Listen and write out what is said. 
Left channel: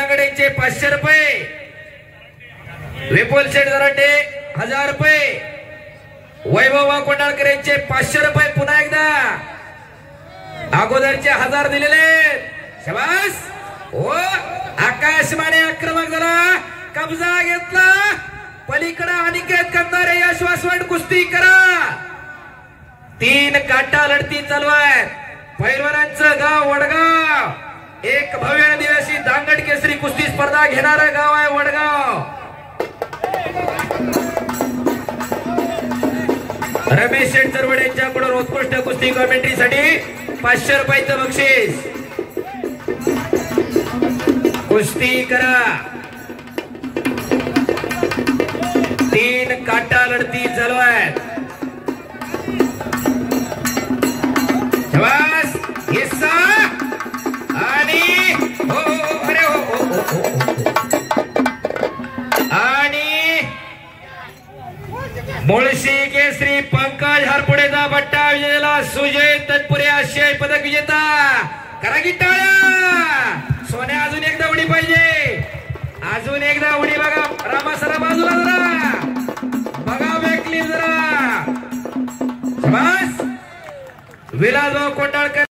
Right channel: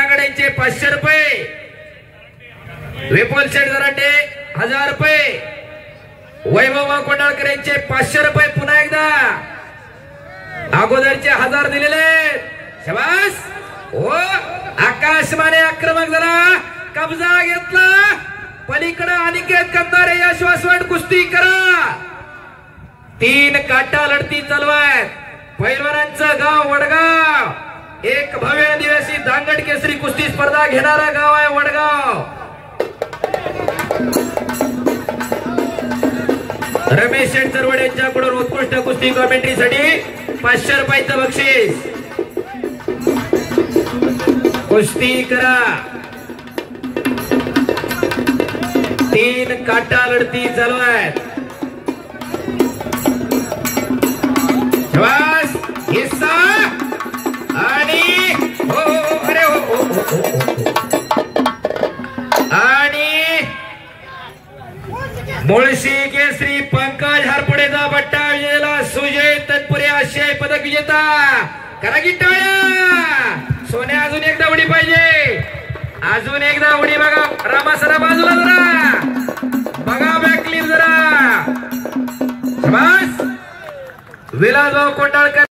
चे 500 रुपये, विपुल शेठ जराटे 1000 रुपये, वैभव कोंडाळकर यांचे 500 रुपये पुन्हा एकदा अगोदरचे 1000 दिलेले शाबास। ओ आकाश माने आक्रमक जरा कब्जा घेतला पलीकडे अनिकेत कंदारे यशवंत कुस्ती करा। 3 काटा लढती चालू आहे। पैलवानांचं गाव वडगाव, एक भव्य दिवसी दांगड केसरी कुस्ती स्पर्धा घेणारा गाव आहे वडगाव। रमेश शेठ चरवडे यांच्याकडून उत्कृष्ट कुस्ती कॉमेंट्रीसाठी 500 रुपयाचं बक्षीस। कुस्ती करा, 3 काटा लढती चालू आहेत। शाबास हिस्सा आणि आणि मुळशी केसरी पंकज हरपुडेचा बट्टा विजेला सुजय तत्पुरे आशियाई पदक विजेता करा की टाळ्या। सोन्या अजून एकदा उडी पाहिजे, अजून एकदा उडी बघा। रामा सरा बाजूला जरा बघा, बॅकलीप जरा शाबास। विलासभाऊ कोंडाळकर